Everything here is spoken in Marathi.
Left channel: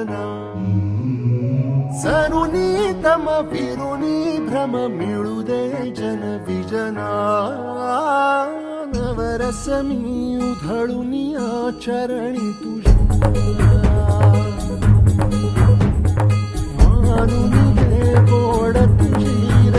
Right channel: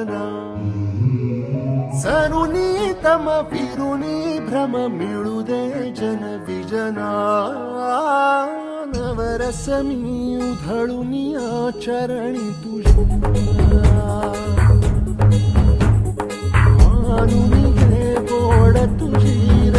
अंगना सरुनी तम फिरुनी भ्रम मिळू दे जन विजना नवरस मी उधळुनी आचरणी तुझ्या मानुनी घे गोड तुझी